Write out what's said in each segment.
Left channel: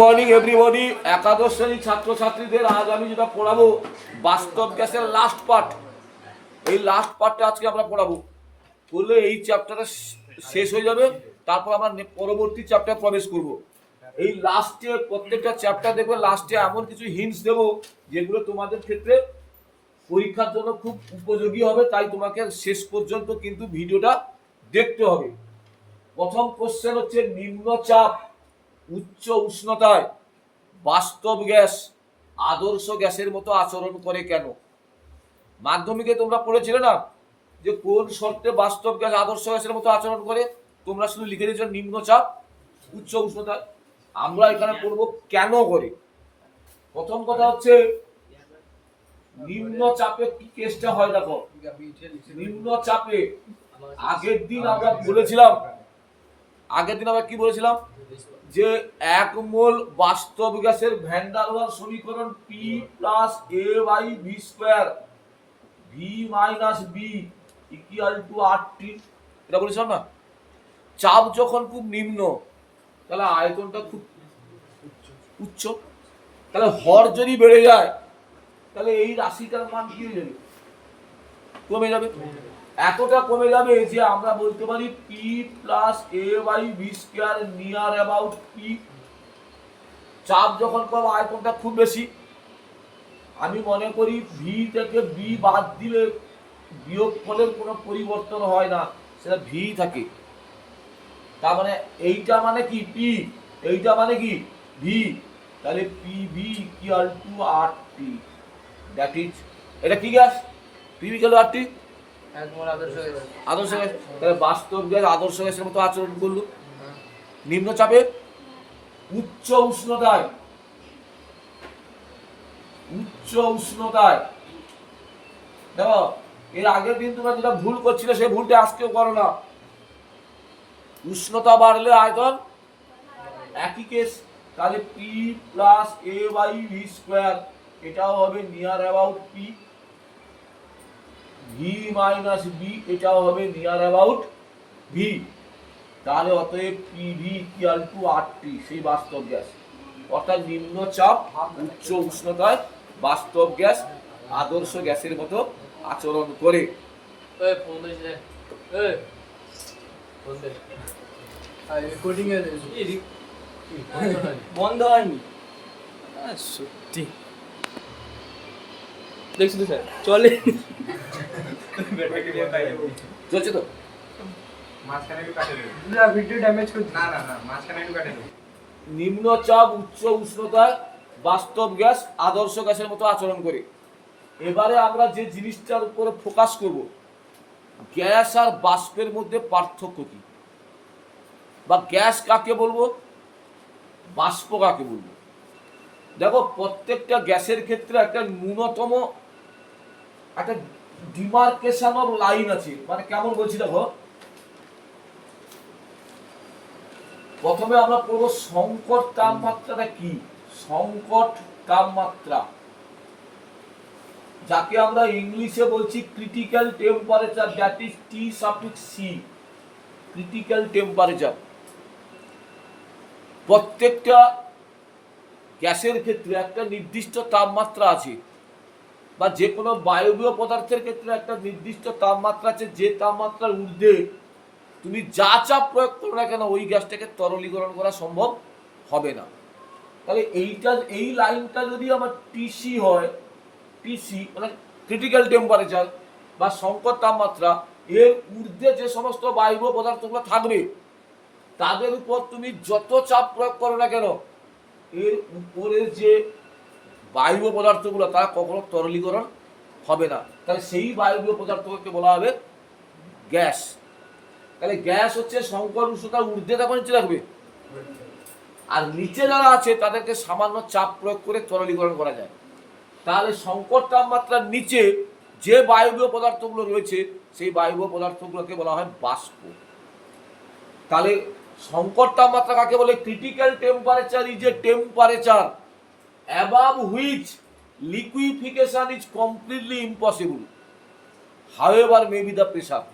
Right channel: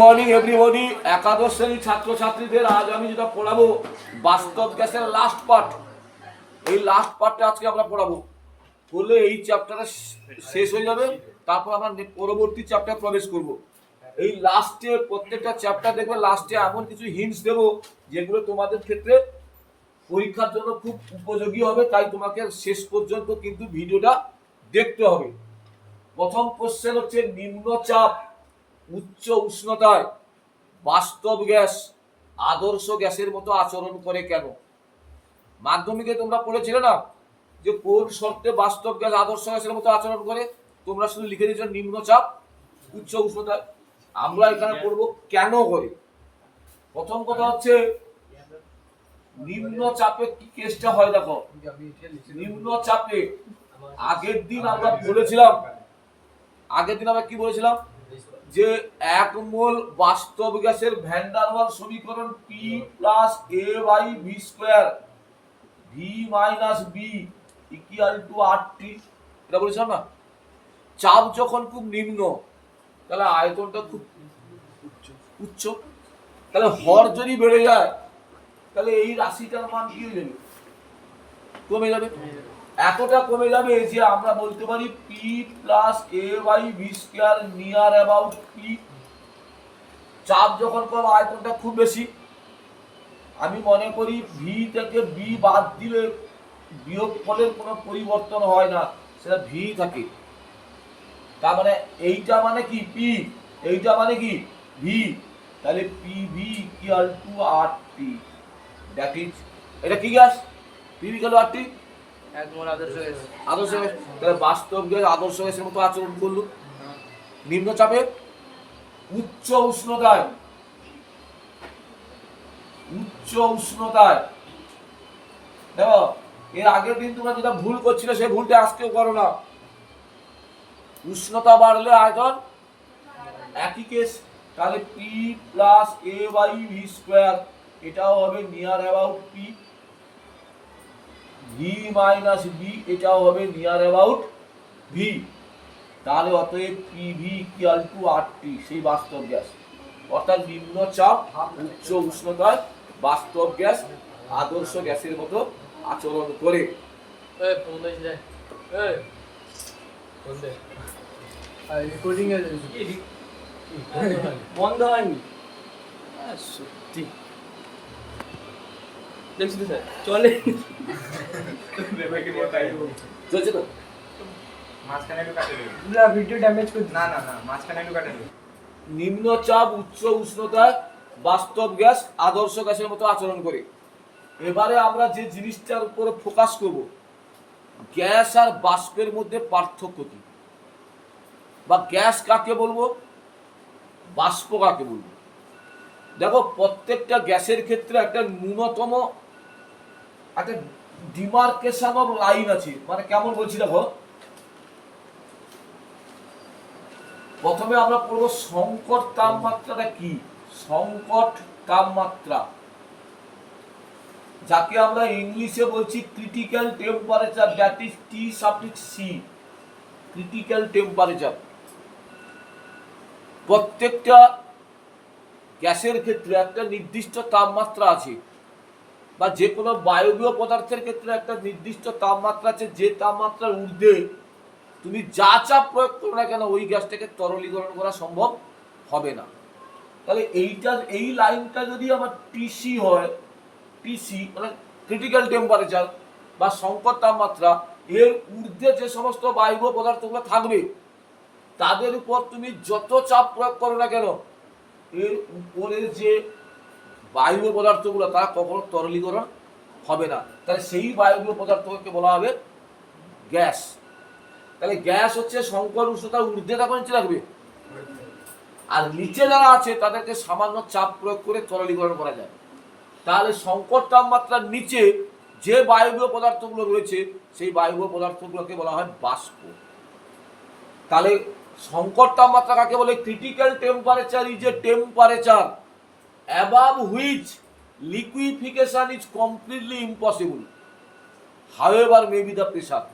Morning everybody একাদশ শ্রেণির ছাত্রছাত্রীদের আজ আমি যেটা পড়াবো, বাস্তব গ্যাসের লাস্ট পার্ট এই লাস্ট পার্টটা আজকে আমরা পড়াবো। পড়লে এই চ্যাপ্টারটা শেষ হয়ে যাবে, তারপর আমরা পরবর্তী চ্যাপ্টার প্রবেশ করব। এই লাস্টে প্রত্যেকটা চ্যাপ্টার দেখবে লাস্টে এমন কিছু হিন্টস দেবো, যেগুলো তোমাদের ক্ষেত্রে পরীক্ষার জন্য খুব উপযোগী হবে, তাই তোমাকে শেষ পর্যন্ত কিন্তু ভিডিওটা দেখতে হবে। প্রথম কোশ্চেন হচ্ছে নিম্নচাপ। উচ্চ উষ্ণতায় বাস্তব গ্যাস, আদর্শ গ্যাসের মতো আচরণ করে কেন? মাধ্যমিকে তোমরা পড়েছিলে না যে কোন শর্তে বাস্তব গ্যাস, আদর্শ গ্যাসের মতো আচরণ করে? তোমরা শুধু লিখে দিয়েছ নিম্নচাপ, উচ্চ উষ্ণতায় আমরা এখানে পড়ব কেন করে? প্রথম কথা হচ্ছে নিম্ন চাপে কি কেসটা হয় দেখো? নিম্ন চাপে আগের দিন আমরা বলেছিলাম, আগের দিন আমরা কি বলেছিলাম? যে এক মোল বাস্তব গ্যাসের ভ্যান্ডারওয়াল সমীকরণ P plus A by V square V minus B equal to R T এটা বলেছিলাম না? চাপ যখন খুব নিম্ন, তাহলে আয়তনটা খুব উচ্চ। তাহলে হর যদি বেড়ে যায়, তাহলে এই রাশিটার মান কি যাবে? কমে যাবে। এতটা কমে যাবে যে আমরা বলতে পারি P plus a by b square near about P চাপ যখন করব আয়তনটা খুব বেশি। আমি মনে করি ভি থেকে বি বাদ দিলে বিয়োগ ফলের কোনো পরিবর্তন হয় না, সেটা ভি থাকে। তার মানে এইটা মানে কি পি এইটা মানে কি ভি তাহলে P V equal to R T that is এটা কি gas P V R T আদর্শ তাহলে বাস্তব গ্যাস আদর্শ গ্যাসের মতো আচরণ নিম্নচাপে উচ্চ উষ্ণতায় উচ্চ উষ্ণতায়। দেখো, এর আগের দিন তোমরা যেটা ভুল করছিলে সেই ভুলটা আজকেও করো না। উষ্ণতা বাড়লে আয়তন একই কেস তাহলে P plus a by V square এটাও হবে near about P V minus b এটাও হবে নিয়ার অ্যাবাউট ভি তাহলে অতএব P V equal to R T সেই বাস্তব গ্যাস অর্থাৎ নিম্ন চাপ উচ্চ উষ্ণতায় বাস্তব গ্যাস আদর্শ গ্যাসের মতো আচরণ করে। বন্ধ হয়নি। সত্যি। দেখছি তো স্যার চলে। চলছে তো? মাঝখানে একটু কাটে না ভিডিও ড্যামেজ করে না না না মাঝখানে একটু কাটে নিম্নচাপ উচ্চ উষ্ণতায় বাস্তব গ্যাস আদর্শ গ্যাসের মতো আচরণ করে। এবারে আমরা যে জিনিসটার উপরে ফোকাস করব গ্যাস আর বাষ্পের মধ্যে পার্থক্য কি? বা গ্যাস কাকে বলব? বাষ্প কাকে বলব? দেখো, প্রত্যেকটা গ্যাসের ক্ষেত্রে একটা ন্যূনতম একটা ডিমার্কেশন অফ লাইন আছে। মানে কেমন বলছি দেখো? প্রথমে আমরা পড়ব সংকট তাপমাত্রাটা কি? সংকট তাপমাত্রা। যাকে আমরা ইংলিশে বলছি critical temperature that is T suffix C critical temperature প্রত্যেকটা গ্যাসের ক্ষেত্রে একটা নির্দিষ্ট তাপমাত্রা আছে বা যে কোনো বায়বীয় পদার্থের ক্ষেত্রে একটা নির্দিষ্ট তাপমাত্রা আছে, যে তাপমাত্রার ঊর্ধ্বে তুমি যা চাপ প্রয়োগ করো না কেন ওই গ্যাসটাকে তরলীকরণ করা সম্ভব হবে না। তাহলে এইটা, এই লাইনটা যদি আমার টিসি হয় টিসি মানে ক্রিটিক্যাল টেম্পারেচার বা সংকট তাপমাত্রা, এর ঊর্ধ্বে যে সমস্ত বায়বীয় পদার্থগুলো থাকবে, তাদের উপর তুমি যত চাপ প্রয়োগ করো না কেন এর উপরের যে বায়ু পদার্থগুলো, তা কখনো তরলীকরণ হবে না। তাহলে সেই বায়বীয় পদার্থকে বলা হবে গ্যাস। তাহলে গ্যাস হচ্ছে সংকট উষ্ণতার ঊর্ধ্বে নিচে রাখবে আর নিচে যারা আছে, তাদেরকে সামান্য চাপ প্রয়োগ করে তরলীকরণ করা যায়। তাহলে সংকট তাপমাত্রার নিচে যে বায়বীয় পদার্থগুলো রয়েছে, সেই বায়বীয় পদার্থগুলোকে বলা হয় বাষ্প। তাহলে সংকট তাপমাত্রা কাকে বলে? Critical temperature is a temperature above which liquefaction is completely impossible however may be the pressure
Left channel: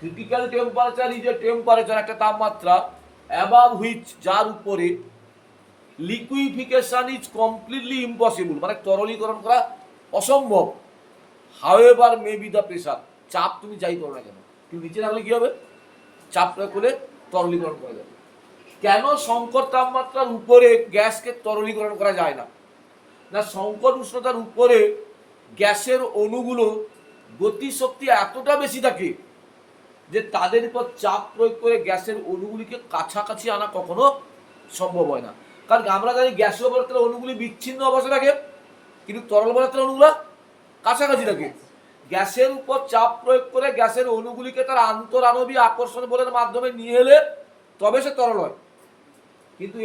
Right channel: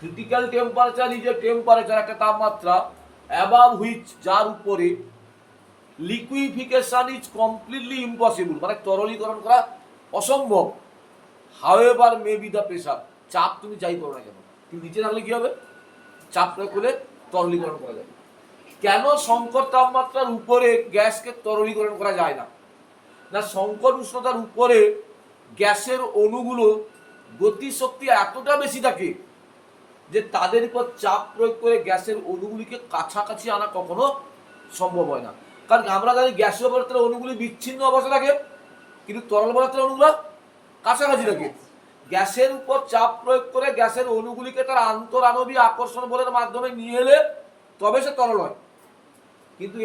critical temperature is a temperature একটা তাপমাত্রা অ্যাবাভ হুইচ যার উপরে লিকুইফিকেশান ইজ কমপ্লিটলি ইম্পসিবল মানে তরলীকরণ করা অসম্ভব। However may be the pressure চাপ তুমি যাই করো না কেন? তুমি নিচে রাখলে কী হবে? চাপ করলে তরলীকরণ করা যাবে কেন সংকট তাপমাত্রার উপরে গ্যাসকে তরলীকরণ করা যায় না? না সংকট উষ্ণতার উপরে গ্যাসের অণুগুলো গতিশক্তি এতটা বেশি থাকে যে তাদের উপর চাপ প্রয়োগ করে গ্যাসের অণুগুলিকে কাছাকাছি আনা কখনো সম্ভব হয় না। কারণ আমরা জানি গ্যাসীয় পদার্থের অণুগুলি বিচ্ছিন্ন অবস্থা থাকে, কিন্তু তরল পদার্থের অণুগুলো কাছাকাছি থাকে। গ্যাসের উপর চাপ প্রয়োগ করে গ্যাসের অণুগুলিকে তার আন্তরাণবীয় আকর্ষণ বলের মাধ্যমে নিয়ে এলে তবে সে তরল হয়। কিন্তু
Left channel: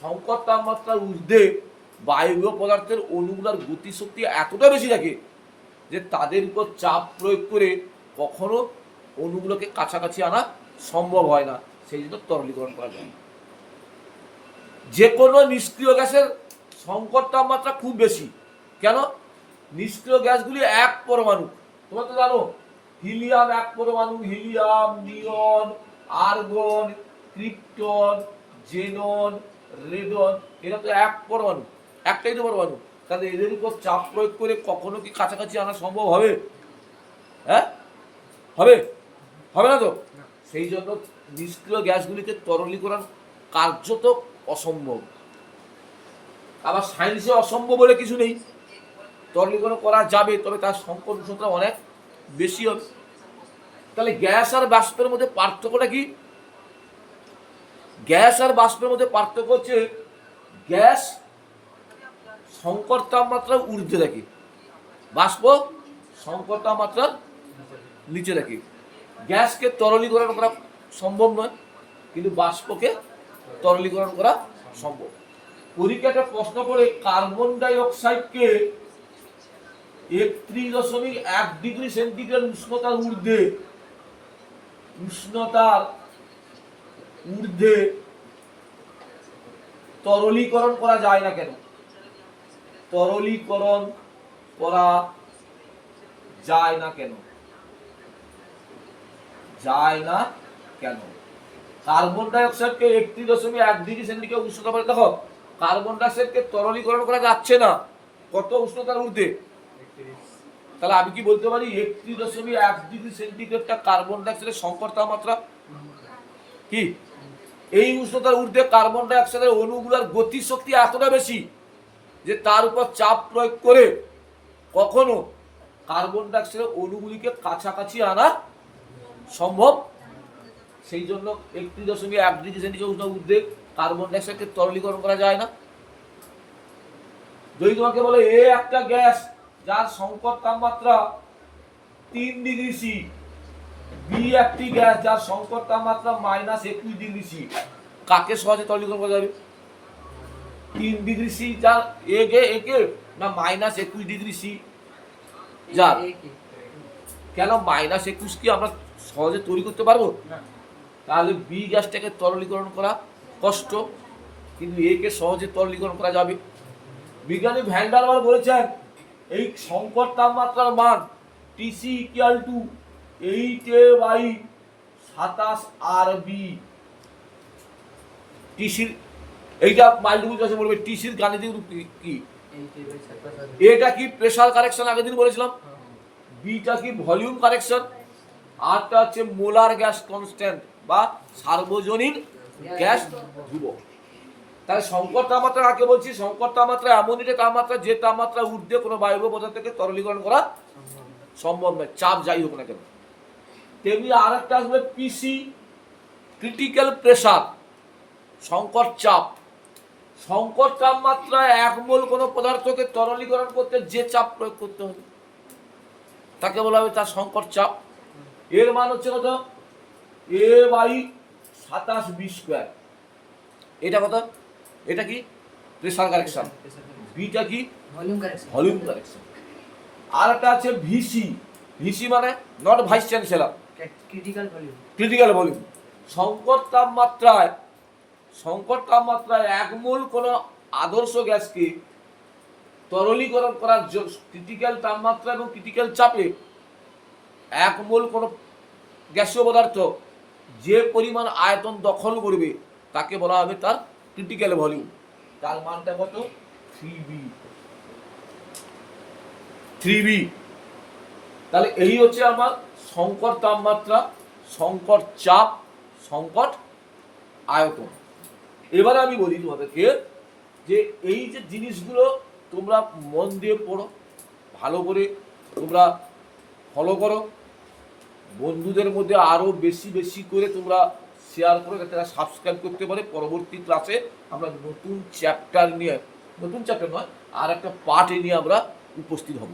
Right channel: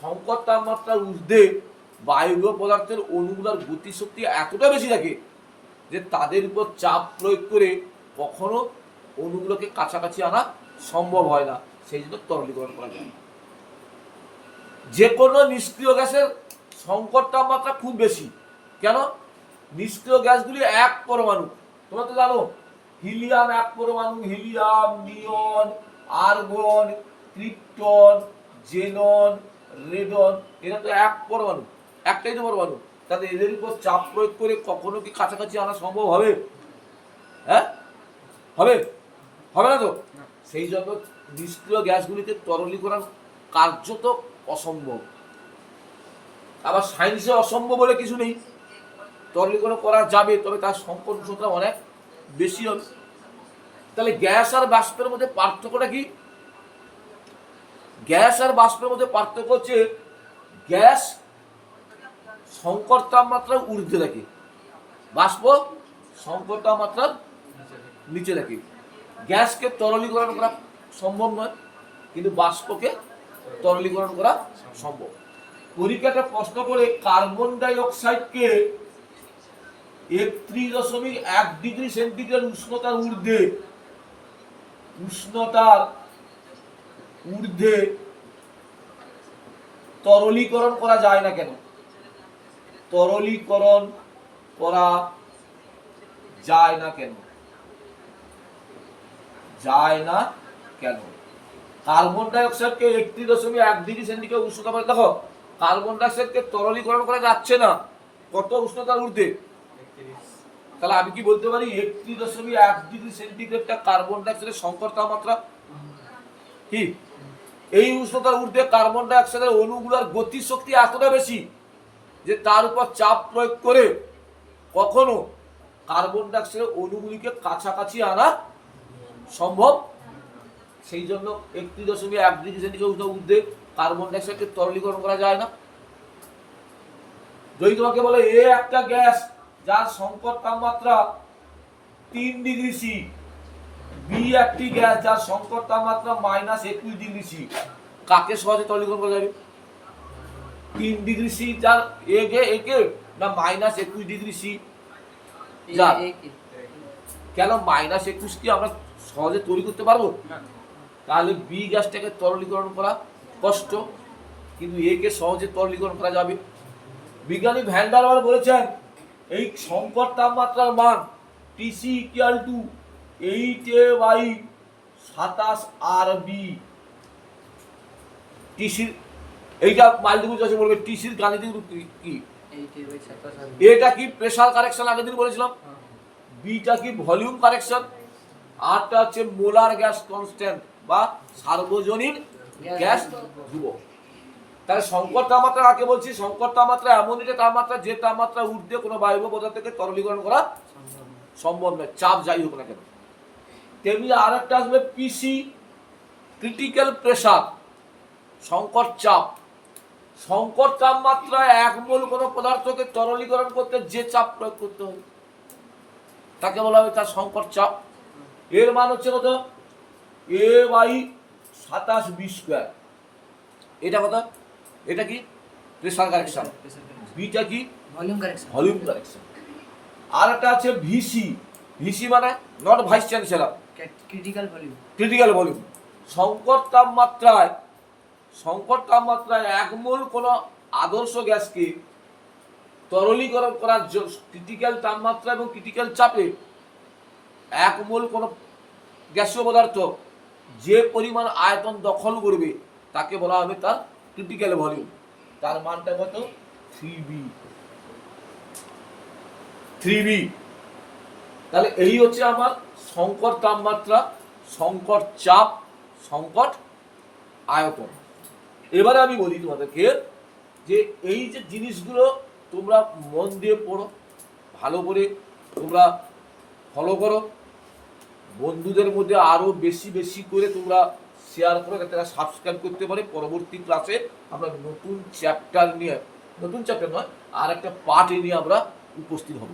সংকট তাপমাত্রার ঊর্ধ্বে বায়বীয় পদার্থের অণুগুলোর গতিশক্তি এতটা বেশি থাকে যে তাদের উপর চাপ প্রয়োগ করে কখনো অণুগুলোকে কাছাকাছি আনা সম্ভব হয় না। সেই জন্য তরলীকরণ করা যায়। যে কোনো নিষ্ক্রিয় গ্যাসের সংকট তাপমাত্রা খুব বেশি। কেন? নিষ্ক্রিয় গ্যাসগুলি এক পরমাণু। তোমরা তো জানো, হিলিয়াম এক পরমাণু, helium, neon, argon, krypton, xenon, radon, এরা তো এক পরমাণু, একটাই তো পরমাণু। তাহলে এদের উপর চাপ প্রয়োগ করে কখনো কি কাছাকাছি আনা সম্ভব হবে? হ্যাঁ? হবে? হবে না তো? সেই জন্য নিষ্ক্রিয় গ্যাসগুলিকে তরলীকরণ কার্যত অসম্ভব। আবার সায়েন্সে অসম্ভব বলে কিছু নেই। তরলীকরণ করা যাবে, তবে তার সংকট উষ্ণতা অনেক বেশি হবে। তাহলে গ্যাস আর বাষ্পের মধ্যে পার্থক্যটা কি? গ্যাস আর বাষ্পের মধ্যে পার্থক্য হচ্ছে গ্যাস সংকট তাপমাত্রা ঊর্ধ্বে থাকে। বাষ্প সংকট তাপমাত্রার নিচে রাখি গ্যাসকে তরলীকরণ করা সম্ভব নয়, কিন্তু বাষ্পকে তরলীকরণ করা সম্ভব। পরীক্ষাটা প্রশ্ন করে কার্বন ডাই অক্সাইডকে একত্রিশ দশমিক এক ডিগ্রি সেন্টিগ্রেড উষ্ণতার ঊর্ধ্বে উষ্ণতার ঊর্ধ্বে তরলীকরণ করা যায় না কেন? তরলীকরণ করা যায় না কেন? যায় না কেন? কার্বন ডাই অক্সাইডকে একত্রিশ দশমিক এক ডিগ্রি সেন্টিগ্রেড উষ্ণতা বলে, দেখো, কার্বন ডাই অক্সাইডকে তরলীকরণ করা যাচ্ছে না। কত উষ্ণতার ঊর্ধ্বে? তাহলে আমি কি বলতে পারি? একত্রিশ দশমিক এক ডিগ্রি সেন্টিগ্রেডটা কার্বন ডাই অক্সাইডের সংকট তাপমাত্রা কি? এই উষ্ণতার ঊর্ধ্বে কার্বন ডাই অক্সাইডের অণুগুলোর গতিশক্তি এতটা বেশি যে তার উপর চাপ প্রয়োগ করে কখনো কার্বন ডাই অক্সাইডের অণুগুলিকে কাছাকাছি আনা সম্ভব? সেই জন্য একত্রিশ দশমিক এক ডিগ্রি সেন্টিগ্রেড উষ্ণ ঊর্ধ্বে কার্বন ডাইঅক্সাইডকে তরলীকরণ করা যায় না। যদি তোমাকে বলে, এ একটা গ্যাস যার সংকট তাপমাত্রা তিন ডিগ্রি সি। বি একটি গ্যাস যার সংকট তাপমাত্রা মাইনাস একুশ ডিগ্রি সি। কাকে সহজে তরলীকরণ করা যাবে? তিন ডিগ্রি সি যার একে একে না মাইনাস একুশ ডিগ্রি সি? যা কেন মাইনাস একুশ কি আমরা সহজে তৈরি করতে পারব? তাহলে বি গ্যাসটাকে তরলীকরণ করা কষ্ট কিন্তু একে সহজে তরলীকরণ করা যাবে। বিজ্ঞানী ভ্যান্ডারওয়াল বলেছেন এই সংকট তাপমাত্রার মান T C equal to eight a by সাতাশ আর বি টিসির এইটা মাল্টিপুল চয়েসে বলবে টিসির গাণিতিক রূপ কি- কি? এটা কি প্রেশার কারেকশন আগের দিন বলেছিলাম? বিটা কি ভলিউম কারেকশন আরটা হচ্ছে মোলার গ্যাস কনস্ট্যান্ট বা সার্বজনীন গ্যাস ধ্রুবক। তাহলে সংকট তাপমাত্রা কাকে বলছি? সংকট তাপমাত্রা এমন যে তাপমাত্রা যে তাপমাত্রা ঊর্ধ্বে কোনো বায়ু পদার্থকে তরলীকরণ করা সম্ভব নয়। চাপ যাই হোক না কেন। তেমনি আরেকটা আসবে পিসি ক্রিটিক্যাল প্রেশার সংকট চাপ। সংকট তাপমাত্রায় এক মোল কোনো পদার্থকে তরলীকরণ করতে যে চাপ প্রয়োগ করতে হবে, তাকে বলা হবে তার সংকট চাপ। এর মান হচ্ছে কত? এ বাই সাতাশ বি স্কোয়ার এটা কত? এটা কি? প্রেসার কারেকশন বিটা কি? ভলিউম কারেকশন ভলিউম কারেকশন আর একটা আছে ভিসি ভিসি মানে not vice chancellor critical volume critical volume সংকট তাপমাত্রায় সংকট তাপমাত্রায় এক মোল কোনো আদর্শ গ্যাসকে তরলীকরণ করার ক্রিটিক্যাল তাপমাত্রা এবং ক্রিটিক্যাল চাপে এক মোল কোনো গ্যাসীয় পদার্থ যে পরিমাণ আয়তন দখল করবে তাকে বলা হবে তার ক্রিটিক্যাল ভলিউম তার মানটা কত? থ্রি বি থ্রি বি তাহলে এই হচ্ছে আমার সংকট তাপমাত্রা, সংকট চাপ, সংকট আয়তন। এবারে আমি বলি তোমাদেরকে যে এই যে জিনিসগুলো তোমরা মন দিয়ে পড়ো, ভালো করে তোমরা ফলো করো। বন্ধুদের মধ্যে আরও বেশি বেশি করে তোমরা শেয়ার করে তারা সাবস্ক্রাইব করতে পারে। পরবর্তী ক্লাসে আমরা নতুন চ্যাপ্টার নিয়ে নতুন চ্যাপ্টার নয় আর একটা পার্ট নিয়ে আমরা উপস্থিত হব।